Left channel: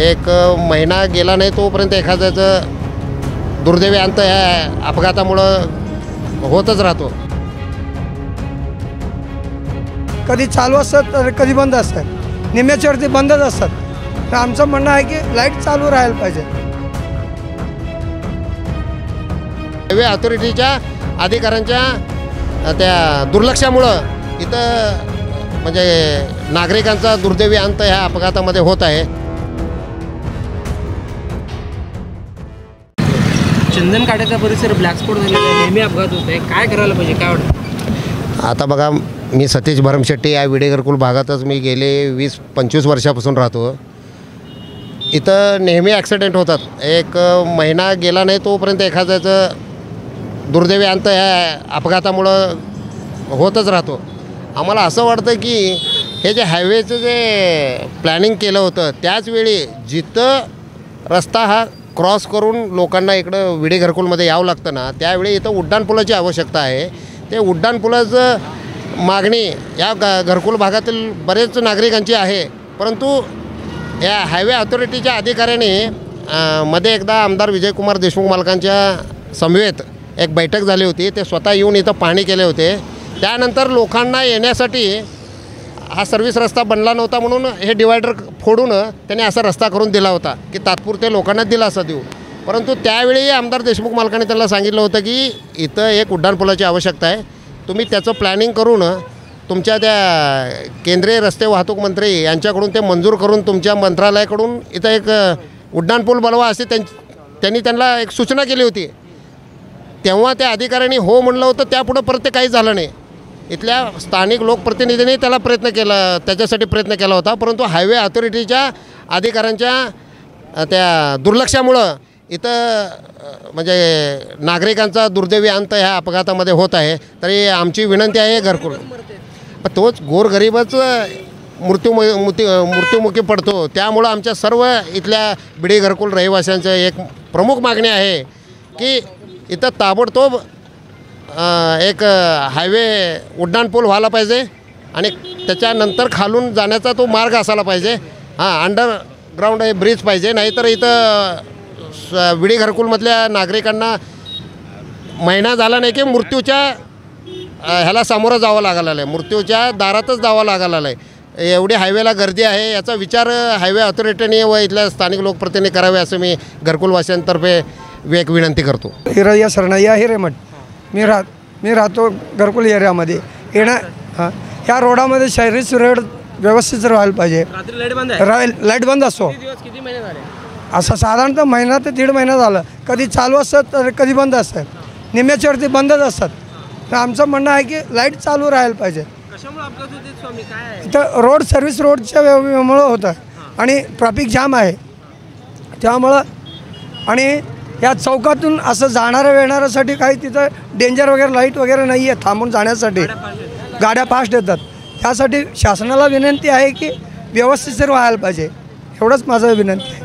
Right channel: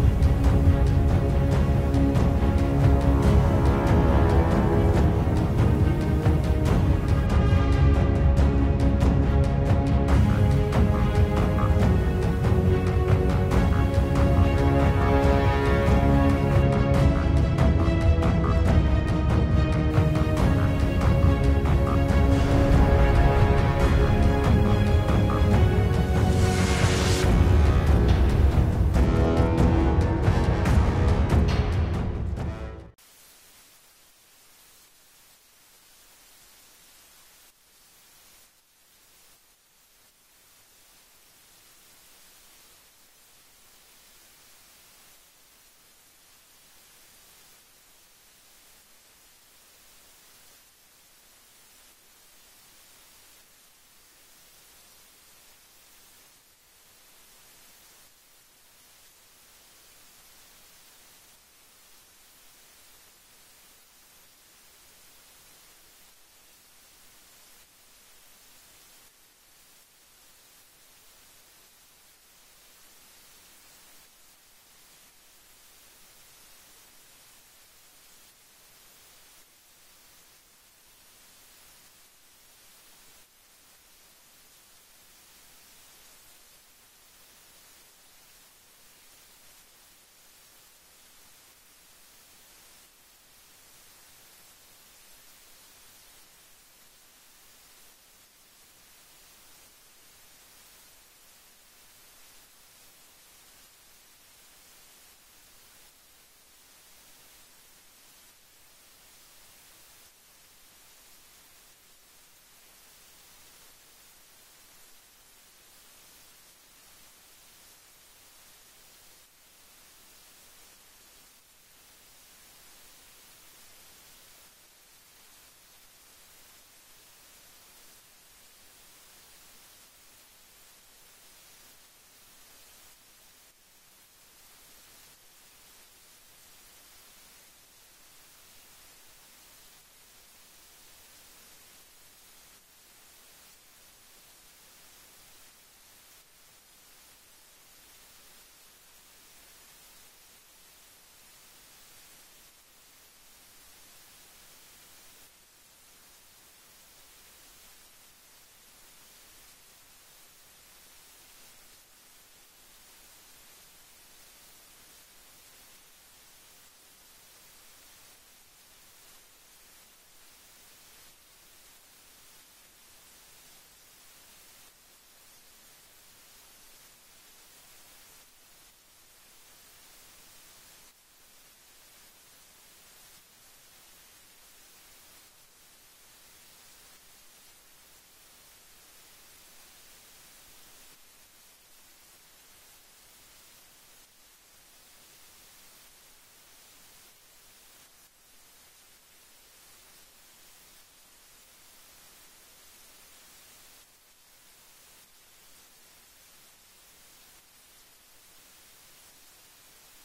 एक महिना गेला नाही तोपर्यंत एखाद्याचं दुर्दैवी अंत या अपघातामुळं होतच राहतो. कधी चालू असतात तर कधी बंद असतात, निम्याच्यावरती बंदच असतात. तर आमचं म्हणणं आहे की लाईट चालू राहायला पाहिजे. हायवे अथॉरिटीच्या अधिकाऱ्यांच्या त्या दुर्लक्षामुळं इथं म्हणजे नागरिकांचा दुर्दैवी अंत ह्या अपघातामध्ये होत आहे. चंदनकाठ्याचा परिसर ब्लॅक स्पॉट झालेला आहे, नेहमी अपघात होत आहे. काय करायला पाहिजे, काय वाटतं? आता बघा, मी सतीश भरमशेट्टी या विडे घरकुल भागातच मी गेले 20-25 वर्षापासून राहतो. इथं नेहमी ॲक्सिडेंट होतात. एक महिना गेला नाही तोपर्यंत एखाद्याचं दुर्दैवी अंत ह्या अपघातामुळं होतच राहतो. आम्हाला असं वाटतं की हे जे हायवेचं जे प्लॅनिंग केलं होतं त्याचवेळी जिथं रस्ता हा क्रॉस करून लोकांना इकडं विडे घरकुलमध्ये यावं लागतं ना, त्यावेळी इथं उड्डाणपुलाची आवश्यकता आहे. ते उड्डाणपुलाचं मागणी या घरकुल भागातील बरेच नागरिकांची आहे. परंतु या हायवे अथॉरिटीच्या अधिकाऱ्यांनी मध्ये एकदा आमदार विजयकुमार देशमुख मालकांच्या समवेत एक बैठक झाली होती. ते स्वतः येऊन इथं पाहणी केले होते. त्यानंतर लोकांना येण्यासाठी हा सर्व्हिस रस्ता बनला नव्हता म्हणून हे डिवायडर फोडून त्यांनी असा रस्ता करून दिला होता की तात्पुरते लोकांना दिलासा देऊ. परंतु त्यावेळी आमदार देशमुख मालकांनी त्यांना सांगितलं होतं की इथं एक उड्डाणपुलाची आवश्यकता आहे, तुम्ही त्याचं प्लॅनिंग करून तुमच्या त्या केंद्रीय रस्ते वाहतूक मंत्री यांच्याकडून ते मंजूर करून तुमच्या मंत्रालयाकडून इथं एक उड्डाणपूल बनवा असे त्यांनी त्यांना एक सूचना केली होती. तेव्हा त्या अधिकाऱ्यांनी हो म्हणलं होतं. त्यापुढं परत ते काही झालं नाही. इथल्या स्थानिक लोकप्रतिनिधींनी त्याच्यासाठी प्रयत्न केला होता. परंतु हायवे अथॉरिटीच्या अधिकाऱ्यांच्या त्या दुर्लक्षामुळं इथं म्हणजे नागरिकांचा दुर्दैवी अंत ह्या अपघातामध्ये होत आहे. तरी आमची विनंती आहे घरकुल, पण तोच गोरगरीबच मृत्युमुखी पडतो. त्यामुळं आमच्या सर्व इथल्या बिडी घरकुल रहिवाशांचं एक प्रमुख मागणी आहे की इथं ताबडतोब एक हायवे उड्डाणपूल व्हायला पाहिजे आणि त्याच्यानंतर खालून जाण्याचा तो मार्ग असायला पाहिजे. अंडरग्राऊंड हे ब्रिज पाहिजे. नाहीतर इथं विडी घरकुलमधल्या नागरिकांना महिना झाला नाही की मृत्यूच्या ह्याला सामोरं जावं लागायला आहे, मृत्यूच्या दारातच जावं लागायला आहे. एवढी हायवेला गर्दी आहे. याचा विचार हायवे अथॉरिटीने व इथल्या स्थानिक लोकप्रतिनिधी करावे असं मी घरकुलवासियांतर्फे एक विनंती करतो. हिरया सरनाया हिरेमठ मी राहतो घरकुल एरियामध्ये. ह्या रोडामध्ये शहरी रोड व्यवस्थित राहायला पाहिजे. लाईट बंद असतो. किती महिने झाले? असं साधारणतः महिना ते 1.5 महिना झालं. कधी चालू असतात तर कधी बंद असतात, निम्याच्यावरती बंदच असतात. तर आमचं म्हणणं आहे की लाईट चालू राहायला पाहिजे. कशामुळे अपघात होते स्वामी, काय? इथं रोड सर्व्हिस रोडच्या मुळं होतं आणि ट्रॅफिक जाम आहे त्यामुळं. आणि या चौकातून असं जाणाऱ्या येणाऱ्यासाठी काही तिथं डेंजर वगैरे लाईट वगैरे नाही आहे थांबून जाण्यासाठी. गाड्या फास्ट येतात. त्यासाठी शासनाला विनंती आहे की व्यवस्थित व्हायला पाहिजे. एवढंच माझं विनंती आहे.